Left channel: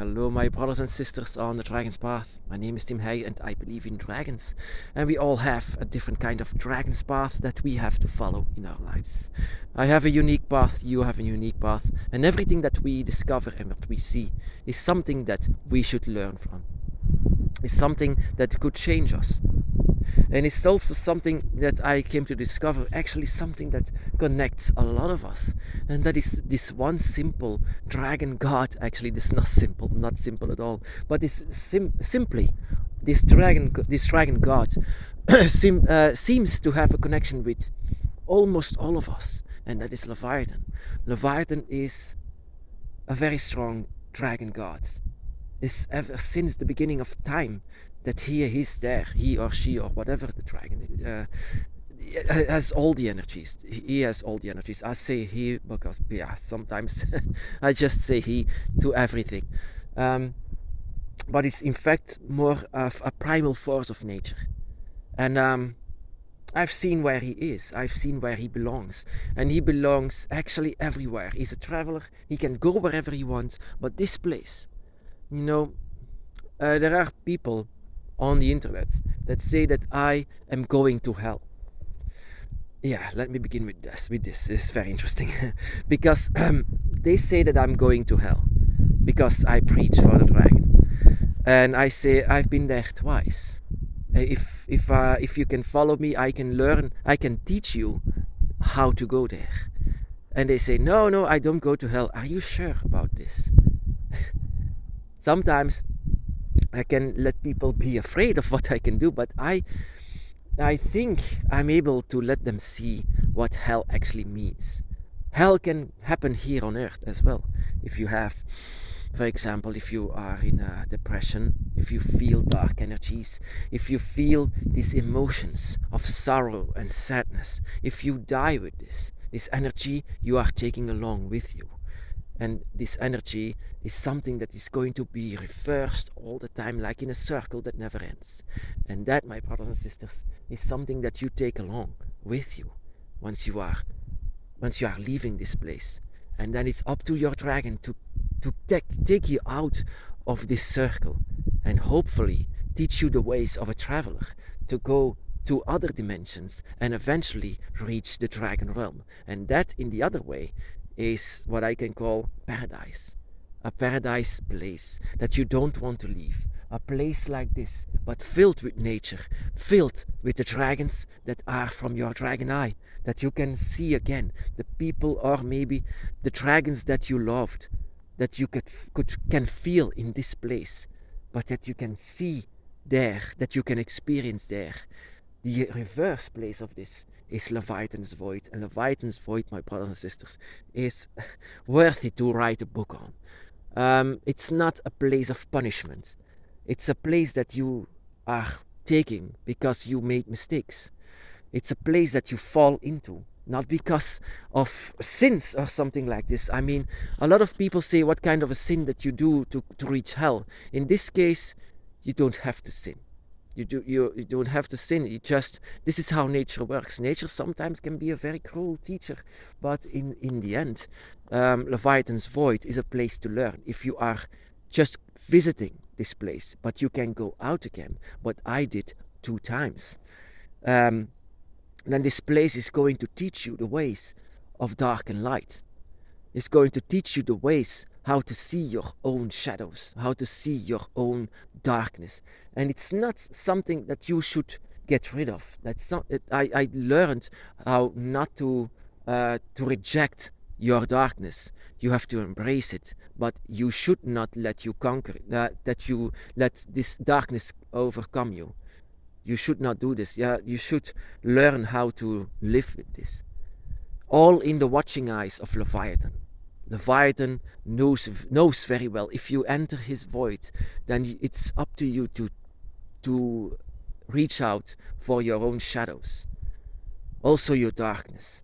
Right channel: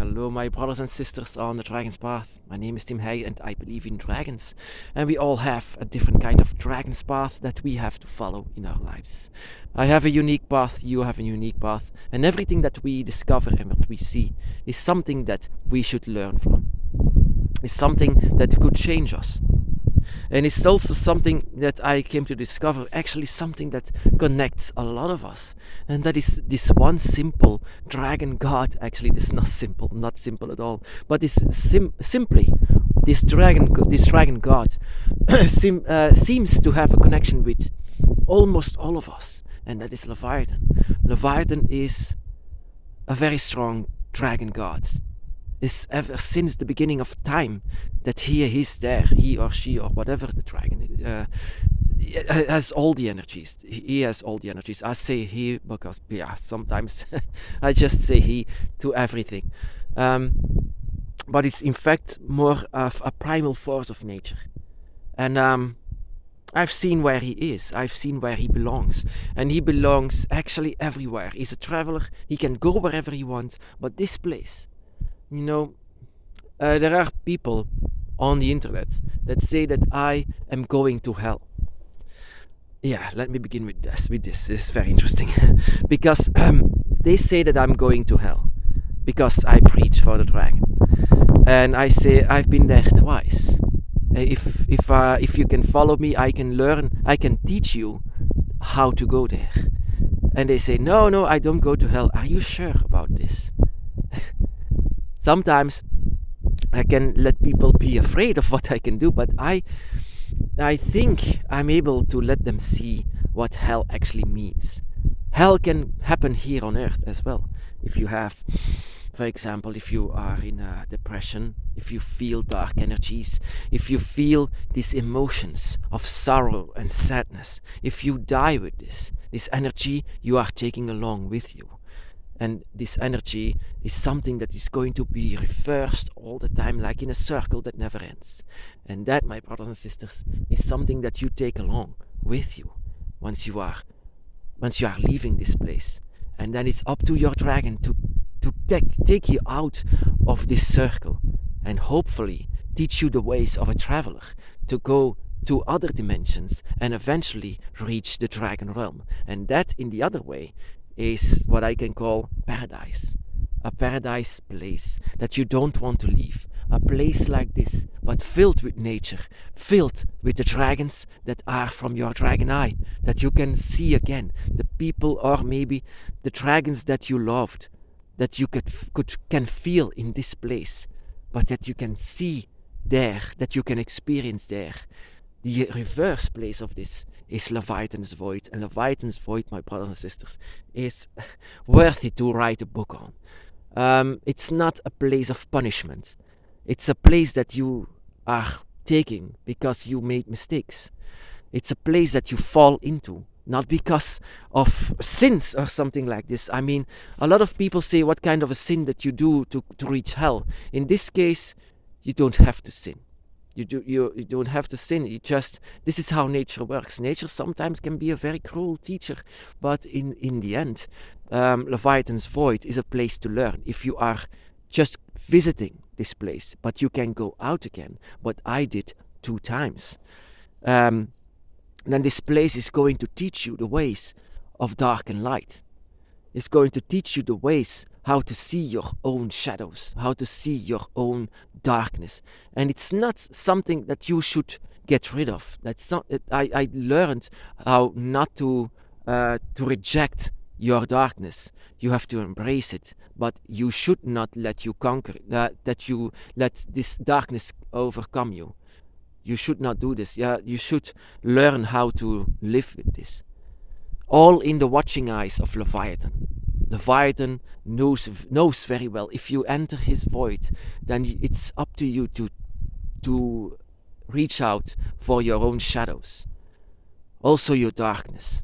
Hello, my brothers and sisters on the Dragon's Path. My name is Tim Hay and I believe in dragons. And we all have a different kind of dragon's path that we have to follow in our lives. I have a unique path, you have a unique path, and everything that we discover and what we see is something that we should learn from. It's something that could change us. And it's also something that I came to discover, actually something that connects a lot of us. And that is this one simple dragon god. Actually, this is not simple at all. But this simply, this dragon god seems to have a connection with almost all of us. And that is Leviathan. Leviathan is a very strong dragon god. Is ever since the beginning of time that he is there, he or she or whatever the dragon is, has all the energies. He has all the energies. I say he because sometimes I just say he to everything, but it's in fact more of a primal force of nature. And I've seen where he is. I've seen where he belongs, and he belongs actually everywhere. He's a traveler. He can go wherever he wants. But this place, there are people on the internet that say that I am going to hell. Yeah, let me begin with this. This is very interesting because they say that I'm going to hell because I preach for the dragon, and I say I've been there twice. If you can follow me, I can learn. I can teach you how to go there. And they say no, I don't go to hell. Are you sure about this? Sometimes I can let people be afraid of what I can do, but I think I'm able to let them see what hell actually means. Hell can happen here on earth as well. If you have, for example, if you are in a depression, if you feel dark energies, if you feel these emotions of sorrow and sadness, if you die with this energy you are taking along with you. And this energy is something that is going to be reversed all the time, like in a circle that never ends. And that, my brothers and sisters, is something that you take along with you once you are leaving this place. And then it's up to your dragon to take you out of this circle and hopefully teach you the ways of a traveler to go to other dimensions and eventually reach the dragon realm. And that, in the other way, is what I can call paradise. A paradise place that you don't want to leave. A place like this, but filled with nature, filled with the dragons that are from your dragon eye, that you can see again. The people, or maybe the dragons that you loved, that you can feel in this place, but that you can see there, that you can experience there. The reverse place of this is Leviathan's Void. And Leviathan's Void, my brothers and sisters, is worthy to write a book on. It's not a place of punishment. It's a place that you are taking because you made mistakes. It's a place that you fall into, not because of sins or something like this. I mean, a lot of people say what kind of a sin that you do to reach hell. In this case, you don't have to sin. You don't have to sin. This is how nature works. Nature sometimes can be a very cruel teacher, but in the end, Leviathan's Void is a place to learn. If you are just visiting this place, but you can go out again, what I did 2 times, then this place is going to teach you the ways of dark and light. It's going to teach you the ways how to see your own shadows, how to see your own darkness. And it's not something that you should get rid of. That's not. I learned how not to reject your darkness. You have to embrace it, but you should not let you conquer that you let this darkness overcome you. You should not do this. Yeah, you should learn how to live with this. All in the watching eyes of Leviathan. Leviathan knows very well. If you enter his void, then it's up to you to reach out for your own shadows, also your darkness.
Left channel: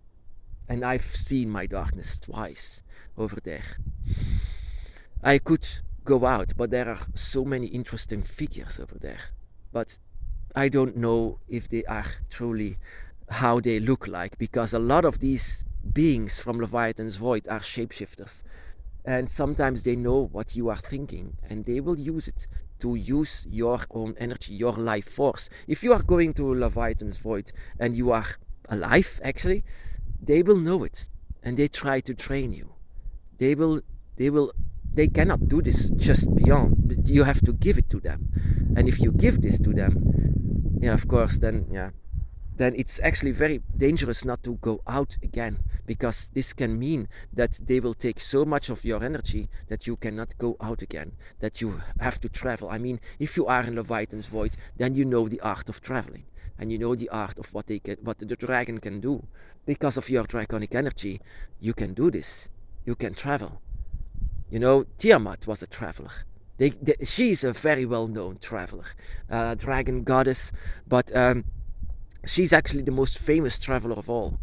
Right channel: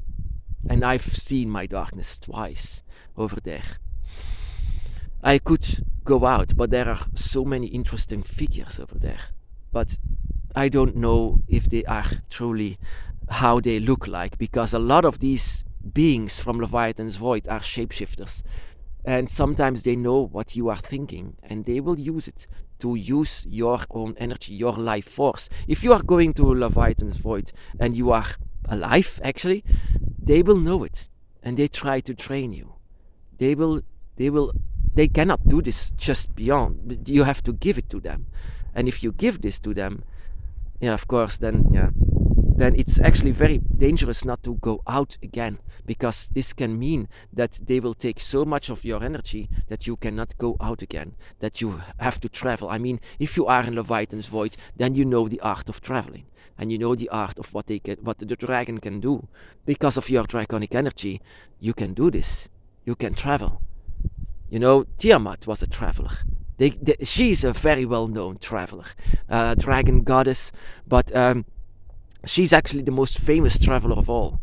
And I've seen my darkness twice over there. I could go out, but there are so many interesting figures over there. But I don't know if they are truly how they look like, because a lot of these beings from Leviathan's Void are shapeshifters. And sometimes they know what you are thinking, and they will use it to use your own energy, your life force. If you are going to Leviathan's Void and you are alive, actually, they will know it, and they try to train you. They cannot do this just beyond, but you have to give it to them. And if you give this to them, yeah, of course, then it's actually very dangerous not to go out again, because this can mean that they will take so much of your energy that you cannot go out again, that you have to travel. I mean, if you are in Leviathan's Void, then you know the art of traveling, and you know the art of what the dragon can do. Because of your draconic energy, you can do this. You can travel. You know, Tiamat was a traveler. She's a very well-known traveler, dragon goddess, but she's actually the most famous traveler of all.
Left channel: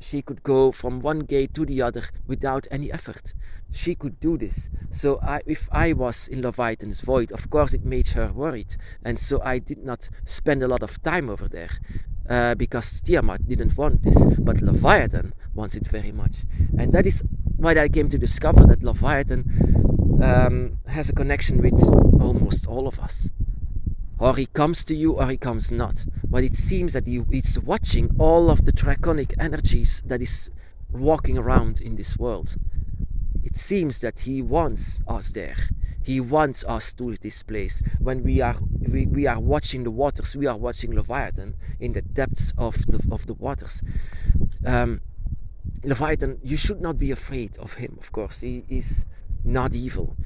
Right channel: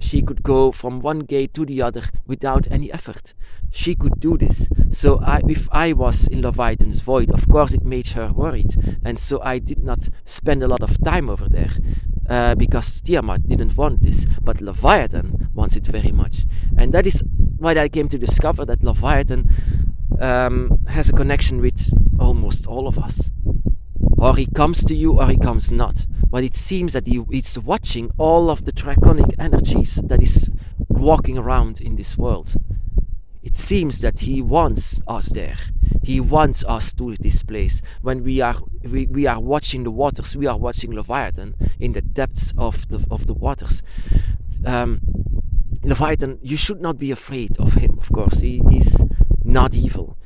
She could go from one gate to the other without any effort. She could do this. So if I was in Leviathan's Void, of course it made her worried, and so I did not spend a lot of time over there, because Tiamat didn't want this, but Leviathan wants it very much. And that is why I came to discover that Leviathan has a connection with almost all of us. Or he comes to you or he comes not. But it seems that he's watching all of the draconic energies that is walking around in this world. It seems that he wants us there. He wants us to this place. When we are watching the waters, we are watching Leviathan in the depths of the waters. Leviathan, you should not be afraid of him, of course. He is not evil.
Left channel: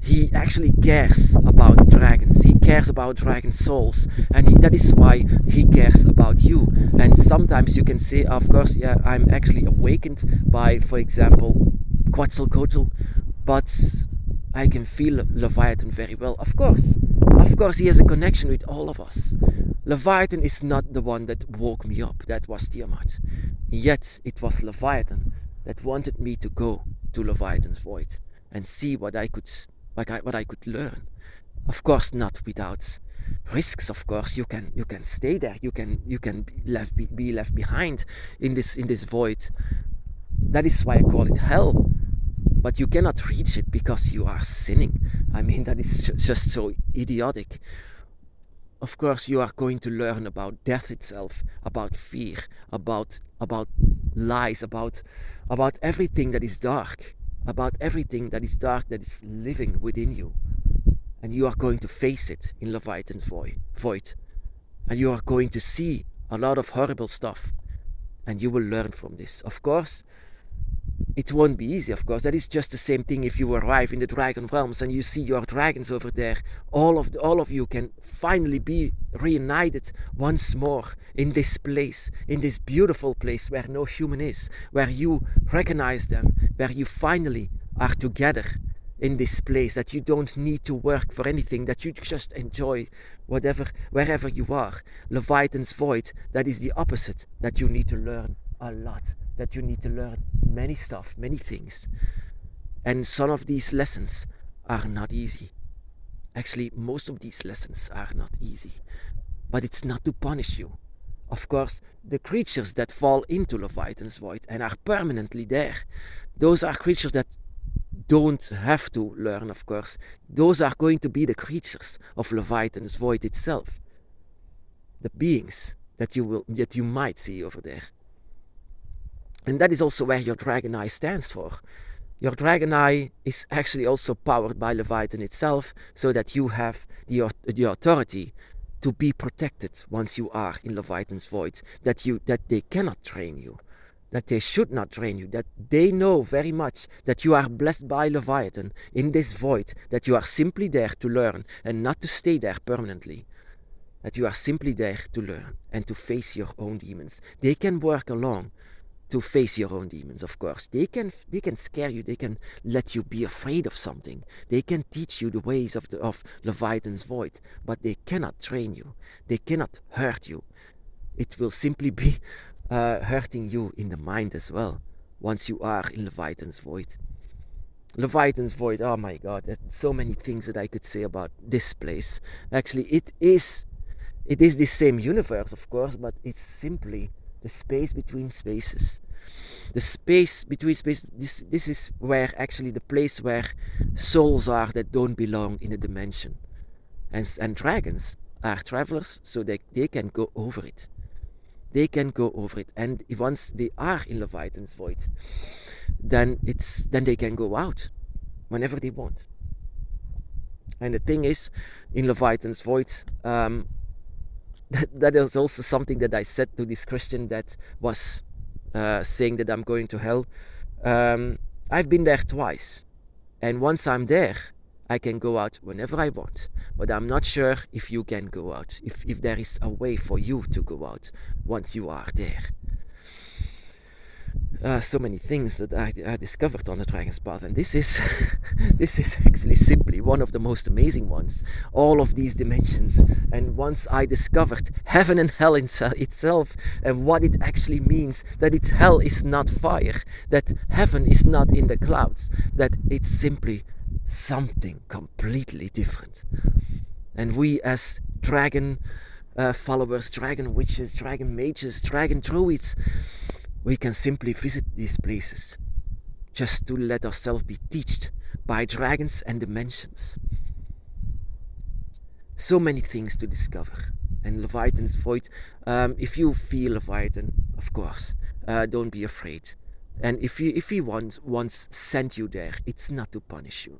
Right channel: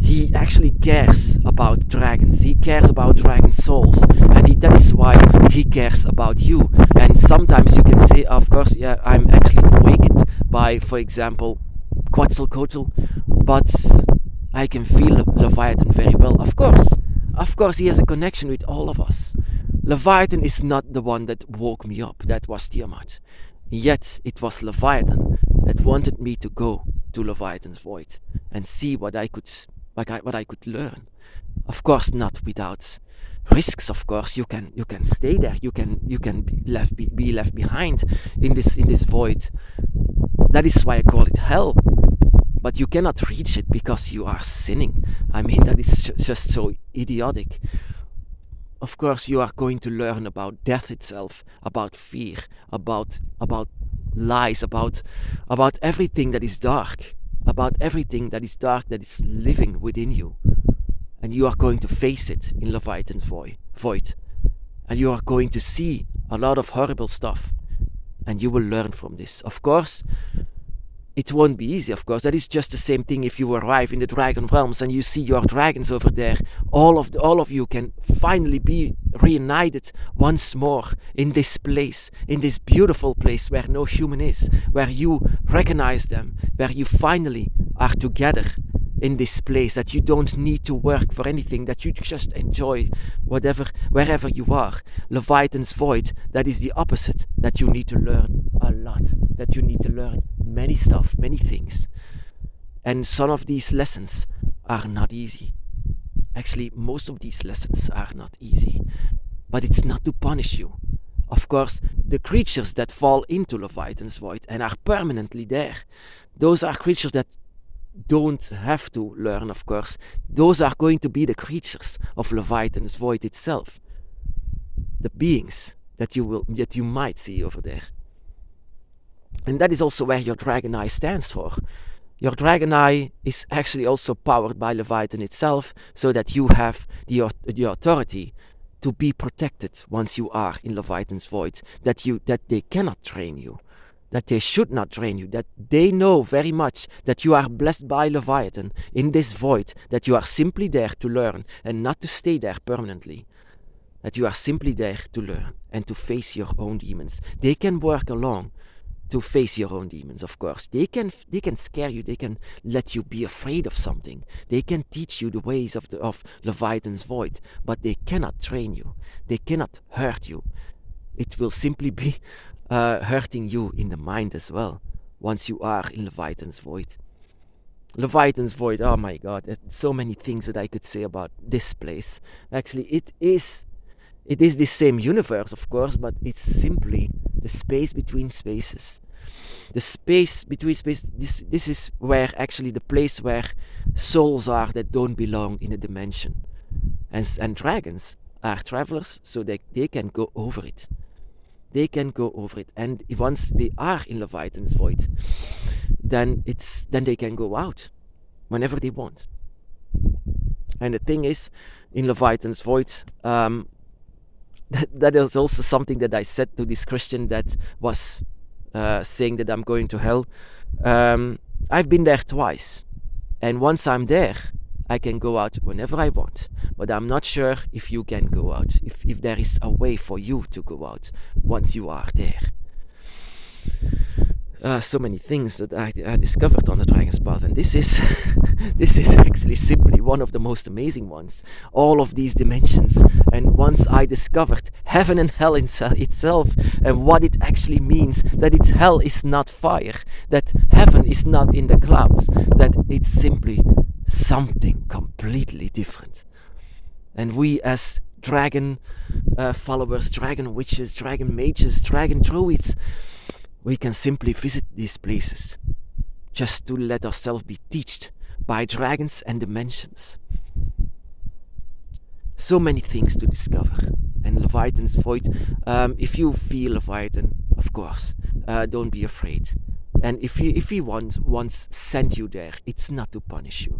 He actually cares about dragons. He cares about dragon souls, and that is why he cares about you. And sometimes you can say, of course, yeah, I'm actually awakened by, for example, Quetzalcoatl, but I can feel Leviathan very well. Of course, he has a connection with all of us. Leviathan is not the one that woke me up. That was Tiamat. Yet it was Leviathan that wanted me to go to Leviathan's Void and see what I could learn. Of course, not without risks. Of course, you can stay there. You can be left behind in this void. That is why I call it hell. But you cannot reach it because you are sinning. I mean, that is just so idiotic. Of course, you are going to learn about death itself, about fear, about lies, about everything that is dark, about everything that is dark that is living within you. And you are going to face it in Leviathan's Void. And you are going to see a lot of horrible stuff. And you will learn from this. Of course, it won't be easy, of course. That is just the same thing if you arrive in the dragon realms and you see your dragons over there. All of you can finally be reunited once more in this place, in this beautiful place where no human is, where you recognize them, where you finally are together in this place, that you don't need to work for anything, that you just enjoy wherever you are. Leviathan's Void, that is the opposite, that you need to learn a lot, that you need to learn many stuff, many things. And some of these lessons are not easy. Actually, most of these lessons are not easy. But it's not to punish you. Of course, the creatures that fall into Leviathan's Void and are permanently there, those are creatures that don't have to learn, of course. Those are going to be the creatures of Leviathan's Void itself. The beings that you might see over there. And that is also where your dragon eye stands for. Your dragon eye is actually also powered by Leviathan itself, so that you have the authority to be protected once you are in Leviathan's Void, that they cannot train you, that they should not train you, that they know very much that you are blessed by Leviathan in this void, that you are simply there to learn and not to stay there permanently, that you are simply there to learn and to face your own demons. They can work along to face your own demons, of course. They can scare you. They can let you be afraid of something. They can teach you the ways of Leviathan's Void, but they cannot train you. They cannot hurt you. It will simply be hurting you in the mind as well once you are in Leviathan's Void. Leviathan's Void, oh my god, there's so many things that I could say about this place. Actually, it is the same universe, of course, but it's simply the space between spaces. The space between space, this is where actually the place where souls are that don't belong in a dimension. And dragons are travelers, so they can go over it. They can go over it, and once they are in Leviathan's void, then they can go out whenever they want. And the thing is, in Leviathan's void, that is also something that I said to this Christian that was saying that I'm going to hell. I've been there twice, and once I'm there, I can go out whenever I want. But I'm not sure if you can go out, if there is a way for you to go out once you are there. So many things that I discovered on the Dragon's Path, and this is this is actually simply one of the most amazing ones. All of these dimensions, and once I discovered heaven and hell itself, and what it actually means, that hell is not fire, that heaven is not in the clouds, that it's simply something completely different. And we as dragon followers, dragon witches, dragon mages, dragon druids, we can simply visit these places just to let ourselves be taught by dragons and dimensions. So many things to discover. And Leviathan's void, if you feel Leviathan, of course, don't be afraid. And if he once sent you there, it's not to punish you.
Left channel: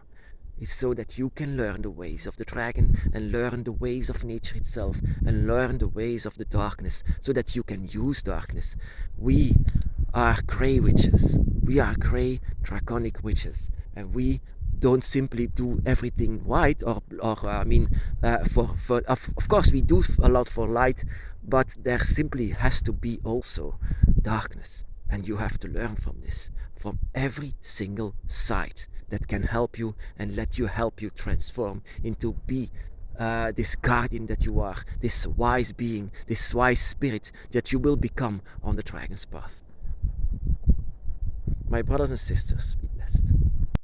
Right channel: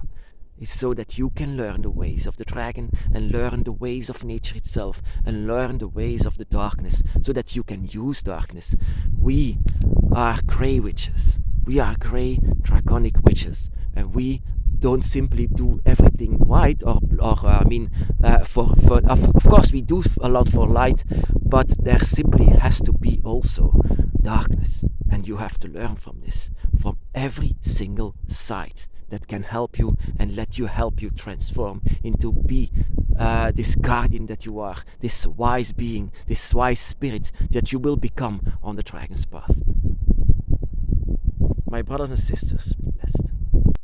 It's so that you can learn the ways of the dragon, and learn the ways of nature itself, and learn the ways of the darkness, so that you can use darkness. We are grey witches. We are grey draconic witches, and we don't simply do everything white, of course we do a lot for light, but there simply has to be also darkness, and you have to learn from this, from every single side that can help you and help you transform into this guardian that you are, this wise being, this wise spirit that you will become on the Dragon's Path. My brothers and sisters,